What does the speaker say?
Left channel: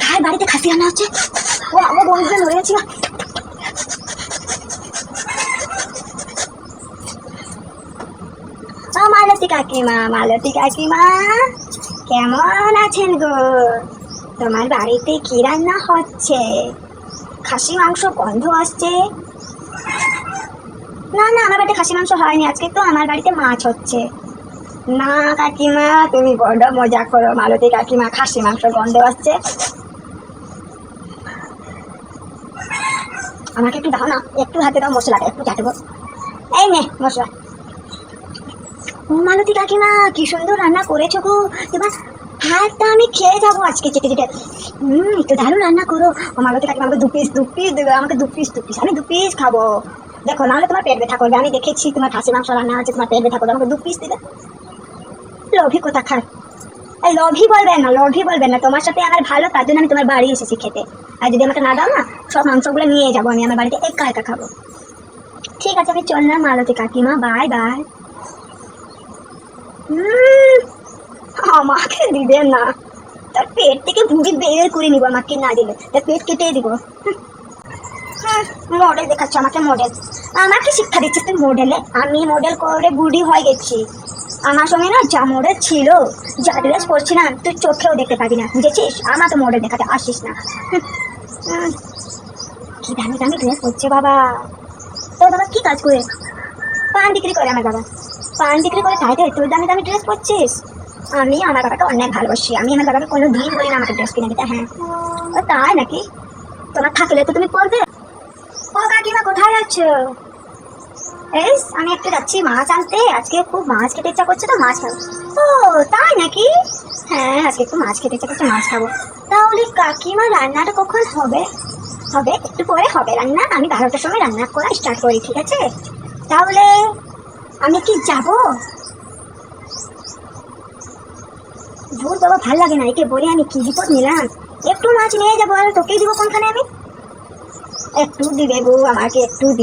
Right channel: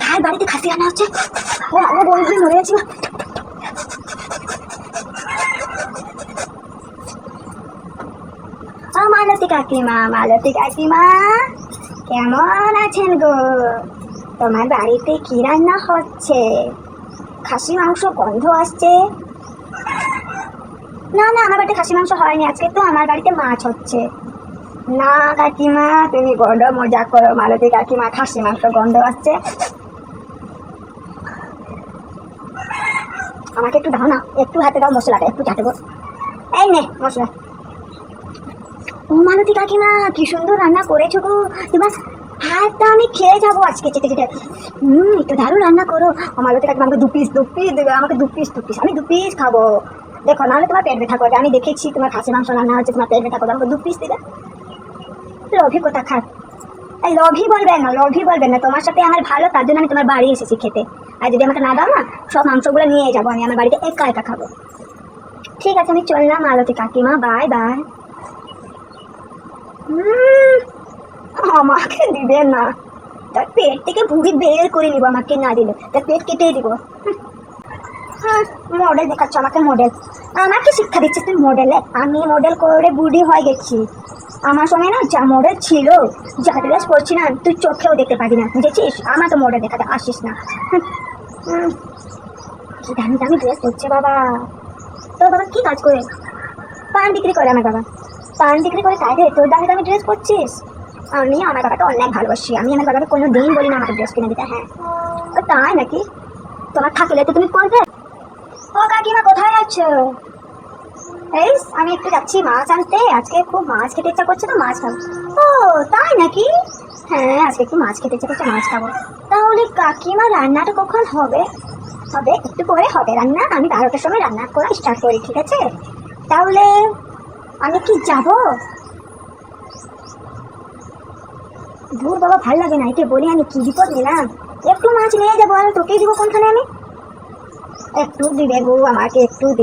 তার বাড়িতে খাসি রান্না হচ্ছে। ও আমার বন্ধুরা ধরে গেছিল। মালতী কাকিমা, মালতী কাকিমা কেমন আছেন গো? তোমার বাড়িতে কি রান্না হচ্ছে? খাসি মাংস গন্ধ আসছে। না না, আমার বাড়িতে খাসি মাংস হয়নি আজকে, তো আমার বাড়িতে মাছ হচ্ছে। না কাকিমা, তুমি বড্ড মজা করো। মালতী কাকিমা, খাসি মাংস গন্ধ আসছে। আমাকে একটু দাও না, একটু হাতে দাও মশলাটা, একটু চাটবো। এই নে মশলা। ও মালতী কাকিমা, কি সুন্দর রান্না করেছো গো। এবার হাতটা আমি খেয়ে যাবো আজকে চেটে চেটে। একটু দারুণ রান্না করো। ও মালতী কাকিমা, আমাকে দু পিস দেবে, আমাকে দু পিস, আমি 2 পিস খাবো। দেখো, নাহলে তোমার পেট ব্যথা করবে। আমি দেখেছি তোমার খাসি মাংস রান্না হচ্ছে, তোমার পেট ব্যথা করবে। আমাকে 2 পিস দেবে। লোভী কোথা খার। লোভী বলবেন না, লোভী বলবেন না। তোমার সাথে আমার ভালো, তার জন্য আমি তোমার বাড়ি এসেছি খেতে। আর যদি আমাকে না দাও না, সব মাংসগুলো নিয়ে যাবো আমি, আমার বাড়িতে একা একা খাবো। ঠিক আছে, আমি চললাম মালতী কাকিমা, বাই বাই। আমাকে দিবে না, তার পেট থেকে ভুঁড়ি বের করে নিবো। আমাকে না দিলে তার পেট কেটে দিব। মডেল দেখাচ্ছ আমাকে, মডেল। আমাকে শিক্ষা দিচ্ছিস তুই মডেলে? আমি মডেল করে বুড়ি হয়ে গেছি। আমার সঙ্গে না যা মডেল ছিল, যা ড্রেস পরছি না, তুই চোখেও দেখতে পাবি না, বুঝেছিস? আমার তো মডেল দেখাতে আসিস না। কি দামি দামি ড্রেস পরছে বাবা। তোর বাবা কি কাজ করে? পান বিক্রি করে আমার বাবা। পান বিক্রি করে, তাই রে তোর দামি দামি ড্রেস পরছিস। আমি আমার বাবাকে অনেক ভালোবাসি। আমি আমার বাবাকে কোনো দিন বলি না আমাকে ড্রেস কিনে দিতে। হ্যাঁ, তাই নাকি? তোমার থাকলে তো তুমি পরবে। ও কাকিমা, কোথায় যাচ্ছ? এস, আমি একটু যাচ্ছি মাছ আনতে। আজকে খুব মাছ খেতে ইচ্ছা করছে, তো মাছ খাবো। ও তাই নাকি? হ্যাঁ, আজকে একটু মাছ খেতে ইচ্ছা করছে, মাছ খাবো। তাহলে কাকিমা রান্নাটা কখন হবে? হবে একটু পরে হবে রান্না। আমি 12টার সময় রান্না করা স্টার্ট করি, ঠিক আছে? তাহলে আমি কি যাব? ধুর বাবা, ভাল লাগে না। একে বলে আমি কি বিপদ নিলাম। একটু মাছ নিয়ে যাবো, আমি তোকেই দিব কোনখানে আমি। একটু দিবে গো, আমাকে একটু দিবে।